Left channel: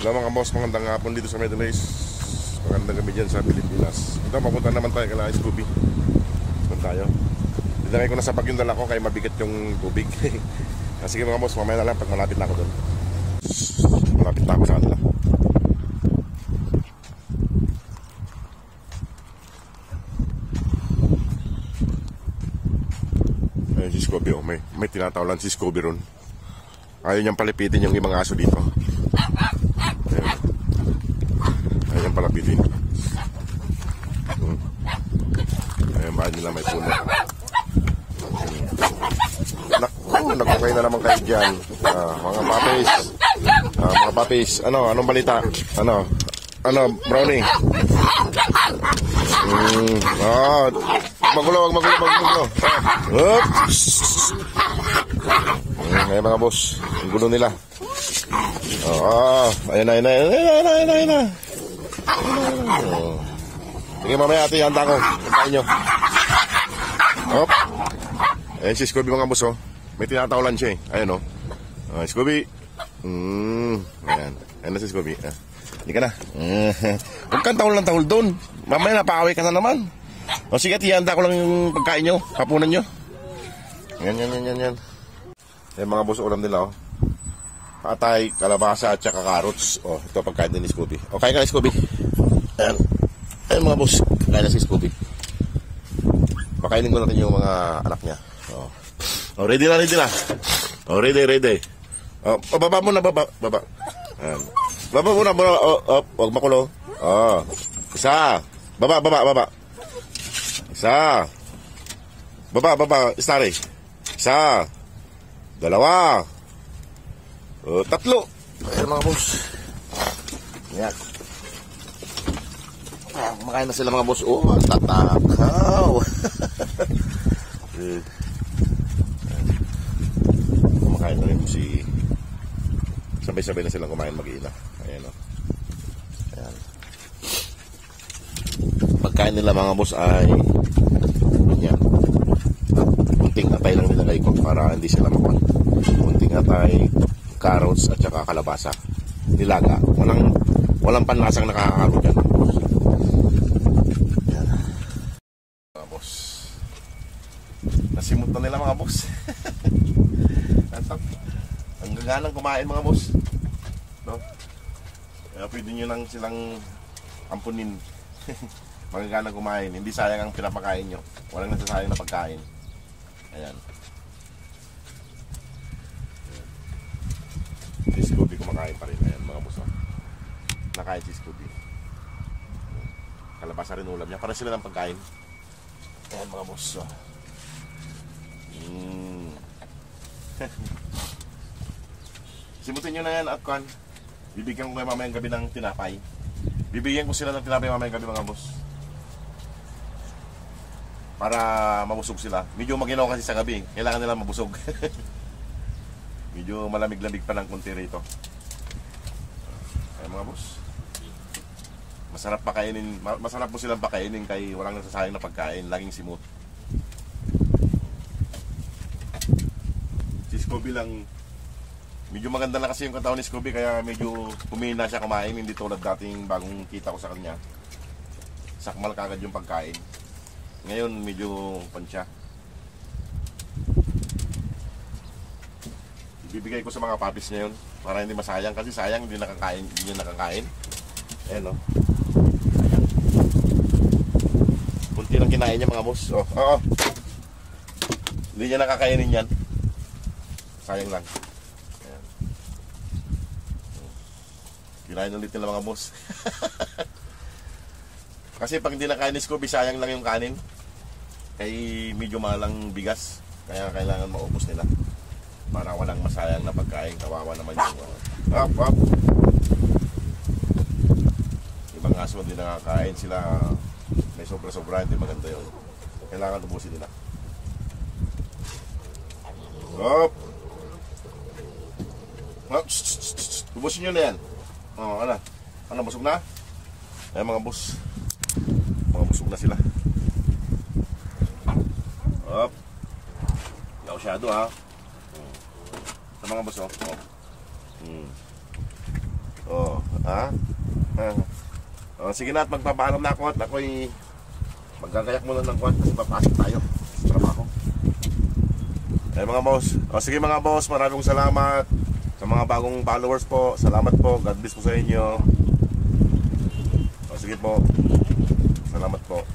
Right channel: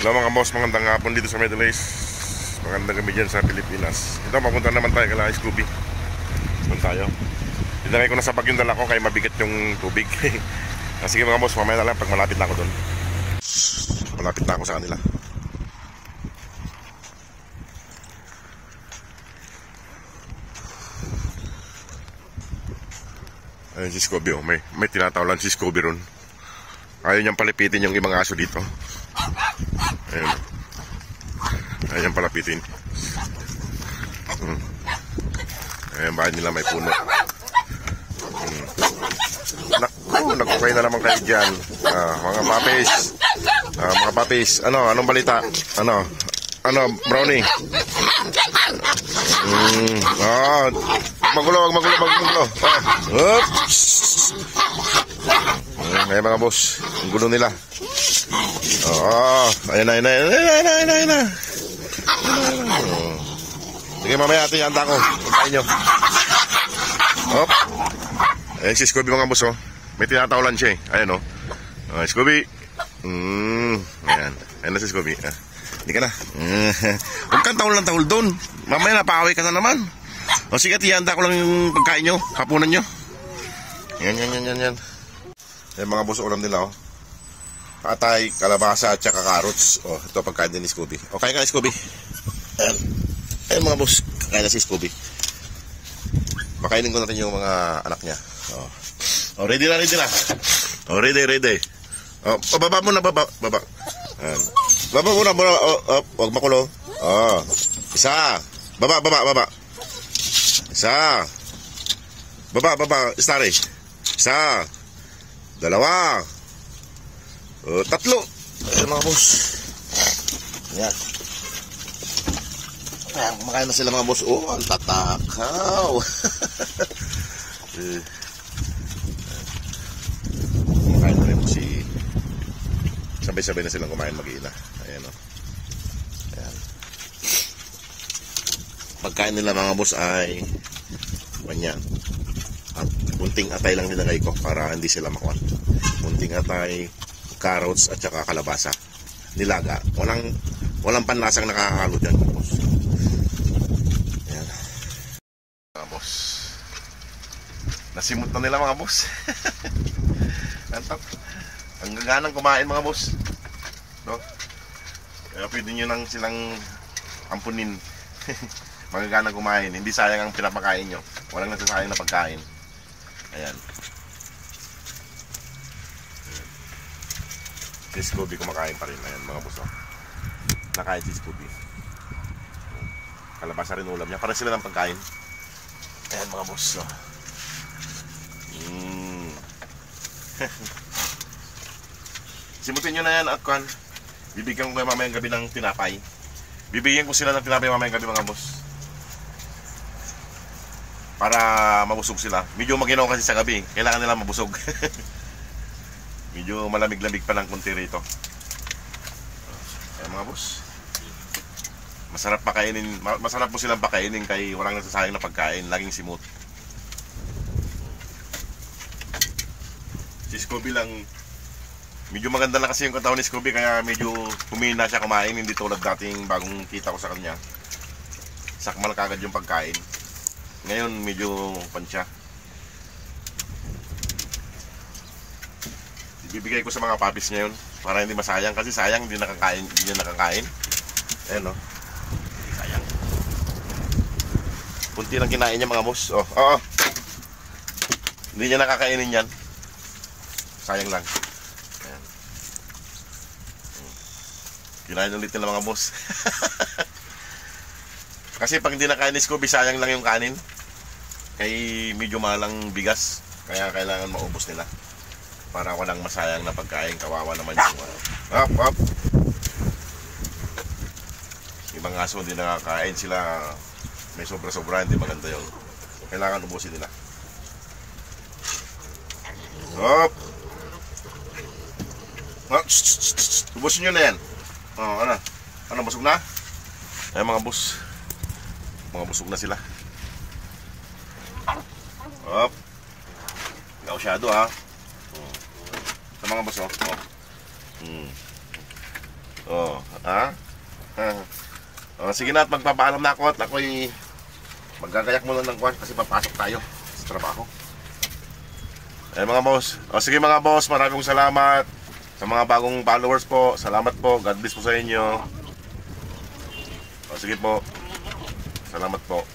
Hello mga boss, magandang hapon dito sa Middle East. Magandang gabi dyan sa Pilipinas. Ito, papunta naman tayo kala Scooby. Doon tayo. Dinagay ko na sa bag yung dala ko kaya mabigat yung tubig. Sige mga boss, mamaya na lang pag malapit na ako doon. Malapit na ako sa kanila. Ayun si Scooby, oh. May tinatawalan si Scooby ron. Ayaw niyang palipitin yung ibang aso dito. Ayan. Ayan palapitin. Ayan, bahay nila may puno. Nagkukay na naman kayo dyan. Mga papis. Mga papis. Anong balita? Brownie? Magulo. Oops. Ayan mga boss. Ang gulo nila. Ayan na. Sige, mamaya ate, handa ko. Pagkain nyo. Ayan si Scooby mga boss, oh. May tinatawalan siya, eh. Ayan, oh. Scooby. Ayan. Ayan na si Scooby. Hindi ka na. Huwag kang tahol doon. Mamaya napakaway ka na naman. Sige, ate, handa ko lang yung pagkain nyo. Hapunan nyo. Yan. Ayan mga boss, ulam nila, oh. Patay, kalabasa at saka carrots. Ito pagkain din ni Scooby. Kain ka na Scooby. Ayan mga boss, kain na si Scooby. Pakainin ko na rin yung mga anak niya. Ready na. Ready. Baba muna. Baba muna. Huwag makulo. Isa. Baba. Isa. Baba. Stary. Isa. Dalawa. Tatlo. Ayan mga boss. Ayan. Kumakain na sila mga boss. Tatakaw. Kumakain na rin si sabay-sabay na silang kumain mag-iina. Ayan o. Ayan. Pagkain nila mga boss ay ganyan. Munting atay lang nilagay ko para hindi sila makuha. Munting atay, carrots at saka kalabasa. Nilaga. Walang panlasang nakakalo dyan. Ayan. Mga boss. Nasimot na nila mga boss. Ang gaganang kumain mga boss. No? Kaya pwede nyo nang silang ampunin. Magaganang kumain. Hindi sayang ang pinapakain nyo. Walang nasasayang na pagkain. Ayan. Si Scooby kumakain pa rin. Ayan mga boss. Nakain si Scooby. Kalabasa rin ulam niya. Parang sila ng pagkain. Ayan mga boss. Simutin nyo na yan at kan. Bibigyan ko kayo mamayang gabi ng tinapay. Bibigyan ko sila ng tinapay mamayang gabi mga boss. Para mabusog sila. Medyo maginaw kasi sa gabi. Kailangan nila mabusog. Medyo malamig-lamig pa ng konti rito. Ayan mga boss. Masarap po silang pakainin kaya walang nasasayang na pagkain. Laging simot. Si Scooby lang, medyo maganda na kasi yung katawan ni Scooby kaya medyo humina siya kumain. Hindi tulad dating bagong kita ko sa kanya. Sakmal kagad yung pagkain. Ngayon medyo pansya. Bibigay ko sa mga papis ngayon para hindi masayang kasi sayang hindi niya nakakain. Ayan o. Sayang. Punti lang kinain niya mga boss. Hindi niya nakakainin yan. Sayang lang. Ayan. Kinain ulit nila mga boss. Kasi pag hindi nakain ni Scooby, sayang lang yung kanin. Kaya medyo malang bigas. Kaya kailangan maubos nila. Para walang masayang na pagkain. Kawawa naman yung ibang aso hindi nakakain sila. May sobra-sobra, hindi maganda yun. Kailangan ubusin nila. Ubusin nyo na yan. Ano, busog na? Ayan mga boss. Mga busog na sila. Gausyado ha. Sa mga boss, Oh, ha? Sige na at magpapaalam na ako at ako'y maggagayak muna ng kwan kasi papasok tayo sa trabaho. Mga boss. Sige mga boss, maraming salamat sa mga bagong followers po. Salamat po. God bless po sa inyo. Sige po. Salamat po.